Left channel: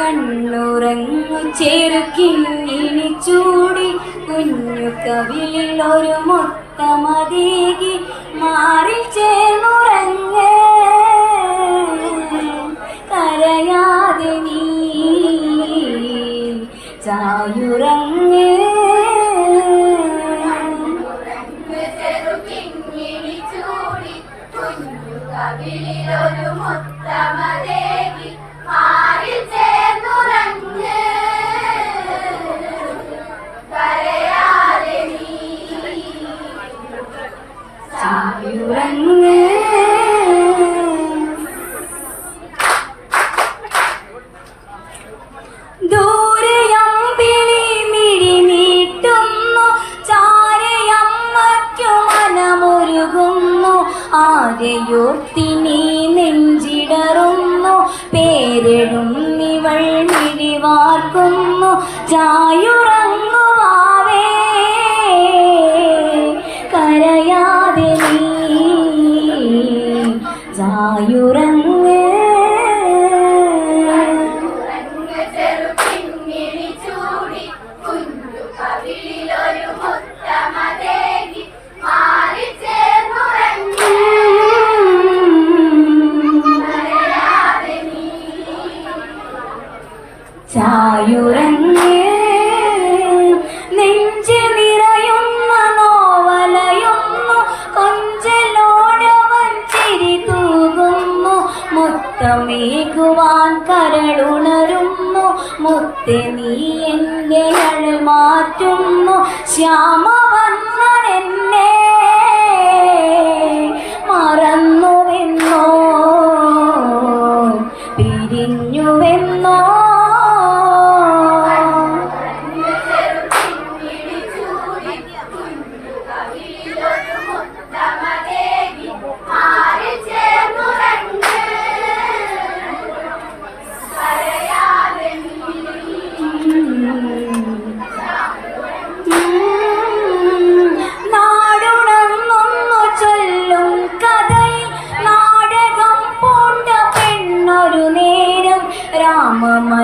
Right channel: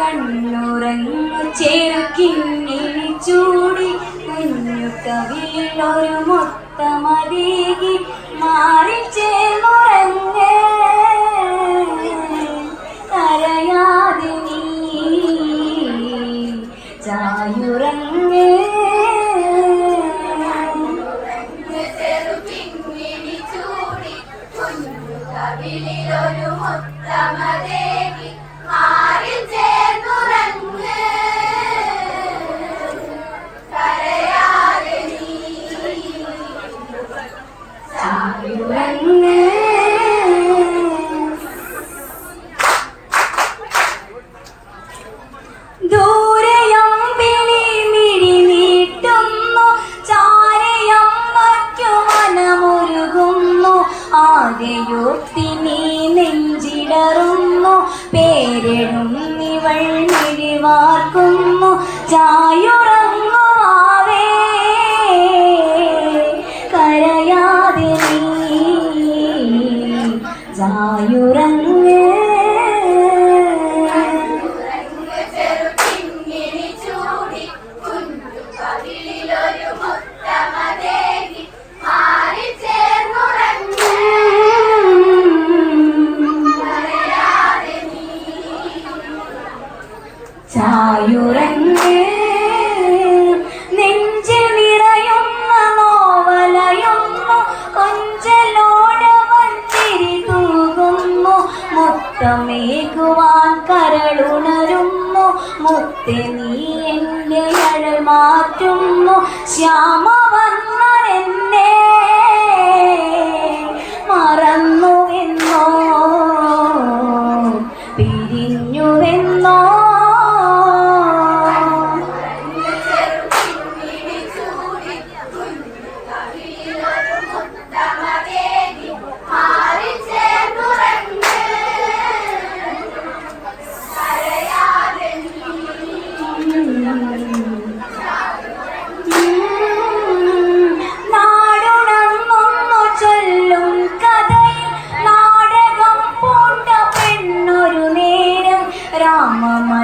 കണ്ണുറങ്ങു ചെറുക്കിന്നിനി ചൂടി കുഞ്ഞു കവിയിൽ ഒരു മൊത്തമതേകി മാറി കരയാതെ നീ മൊത്തമതേകി and നീ എന്നെ മാറ്റുന്നു? ശ്യാമ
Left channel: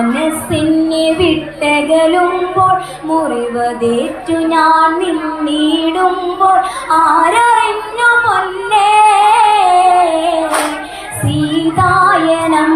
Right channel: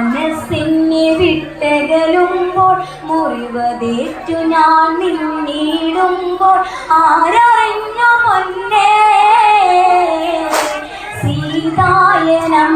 മനസ്സിനെ വിട്ടകലുമ്പോൾ മുറിവതേറ്റു ഞാൻ നിന്നിടുമ്പോൾ ആരായിരുന്നു പൊന്നേ സീതായനം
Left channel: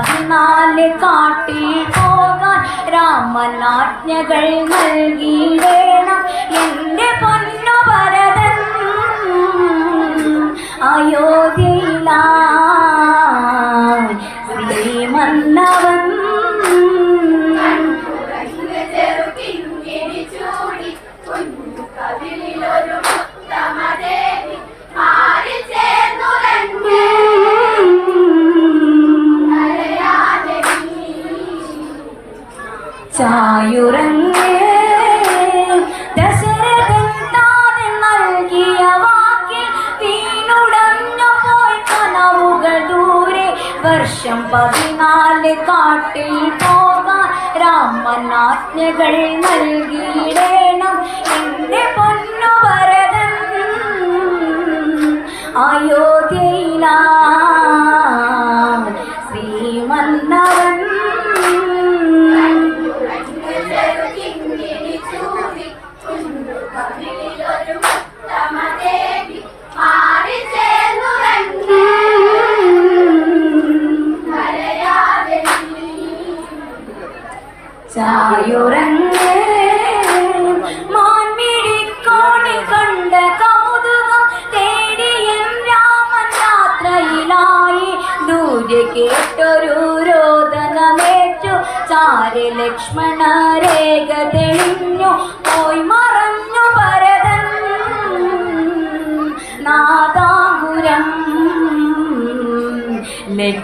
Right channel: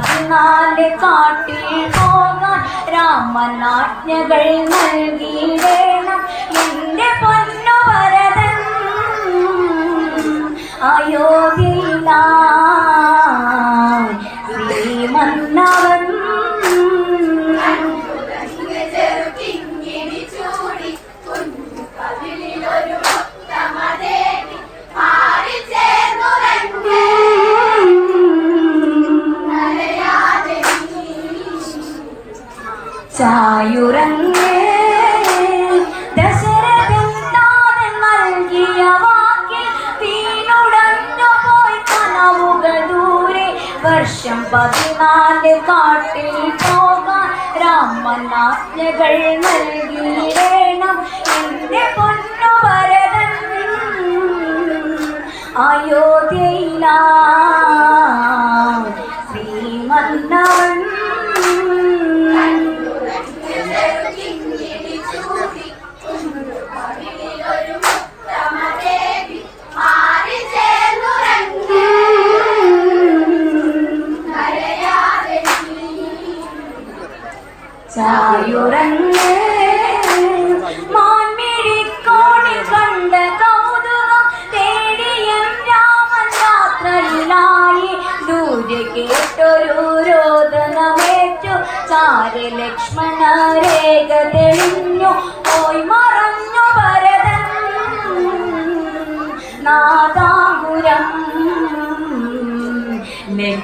പതിനാല് കാട്ടിൽ പോകാൻ രാമനാജ്ഞകൾ നൽകിയിടേ. Abraham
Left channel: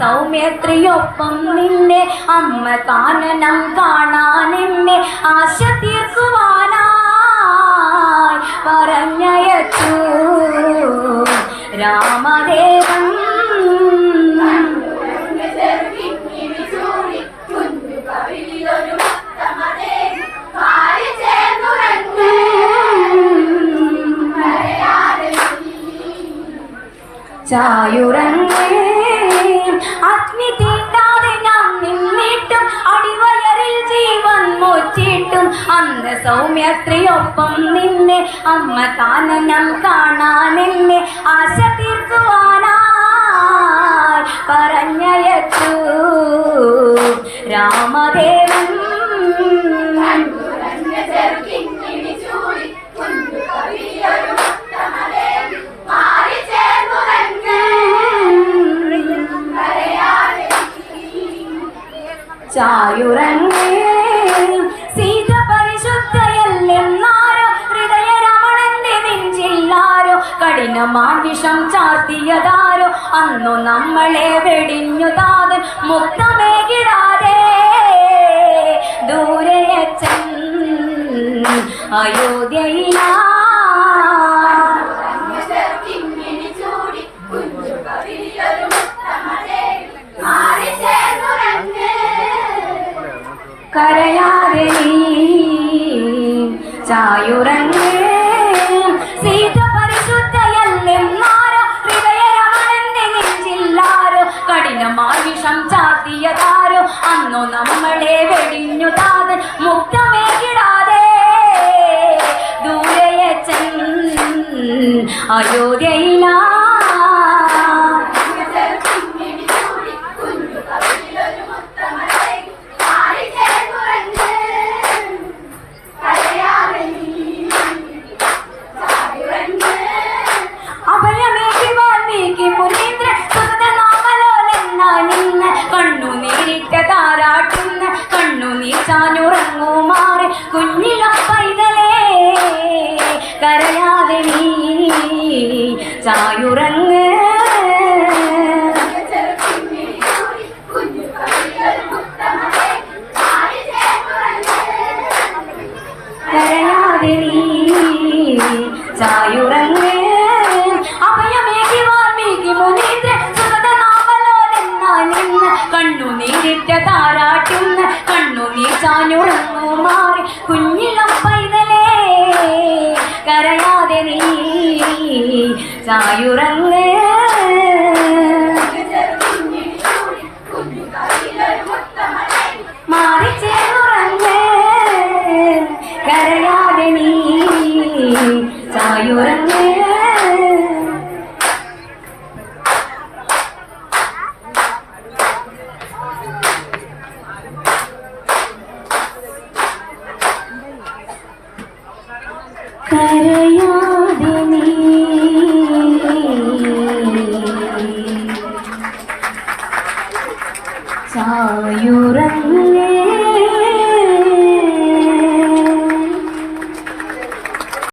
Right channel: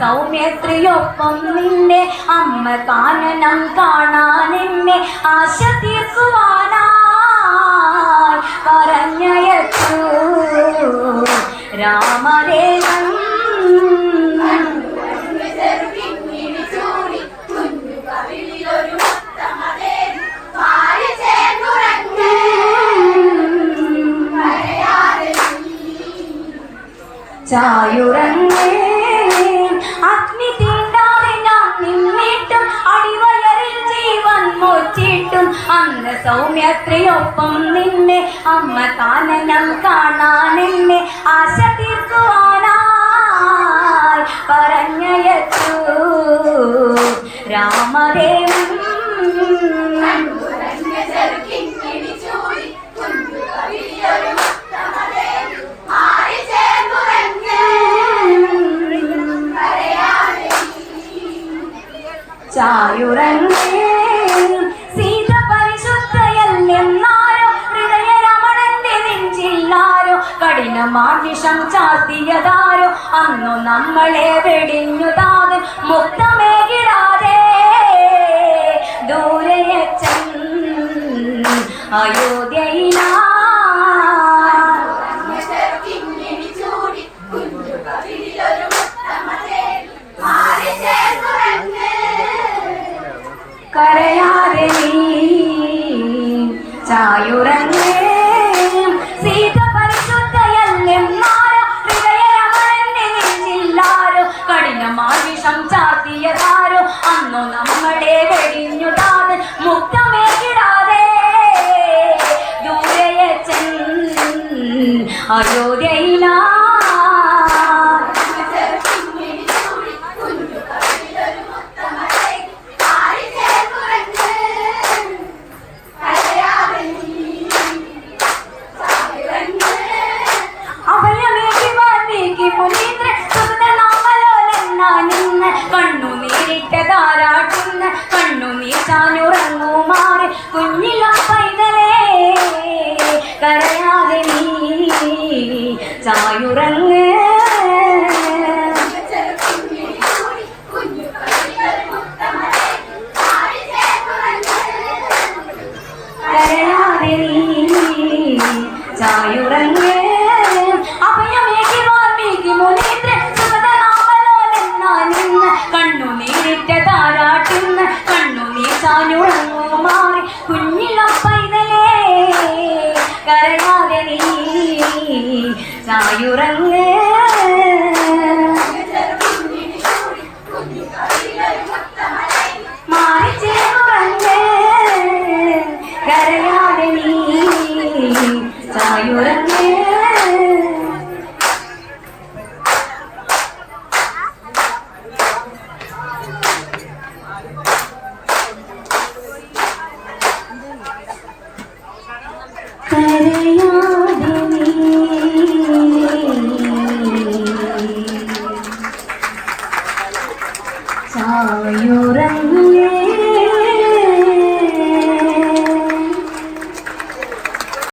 സൗമ്യത്രിയൊപ്പം നിന്നെ അമ്മ കാനനം കാണാൻ എന്നെ ആശ തീർക്കുവാനായി പറഞ്ഞയച്ചു. രാമരേ നമ്മളെ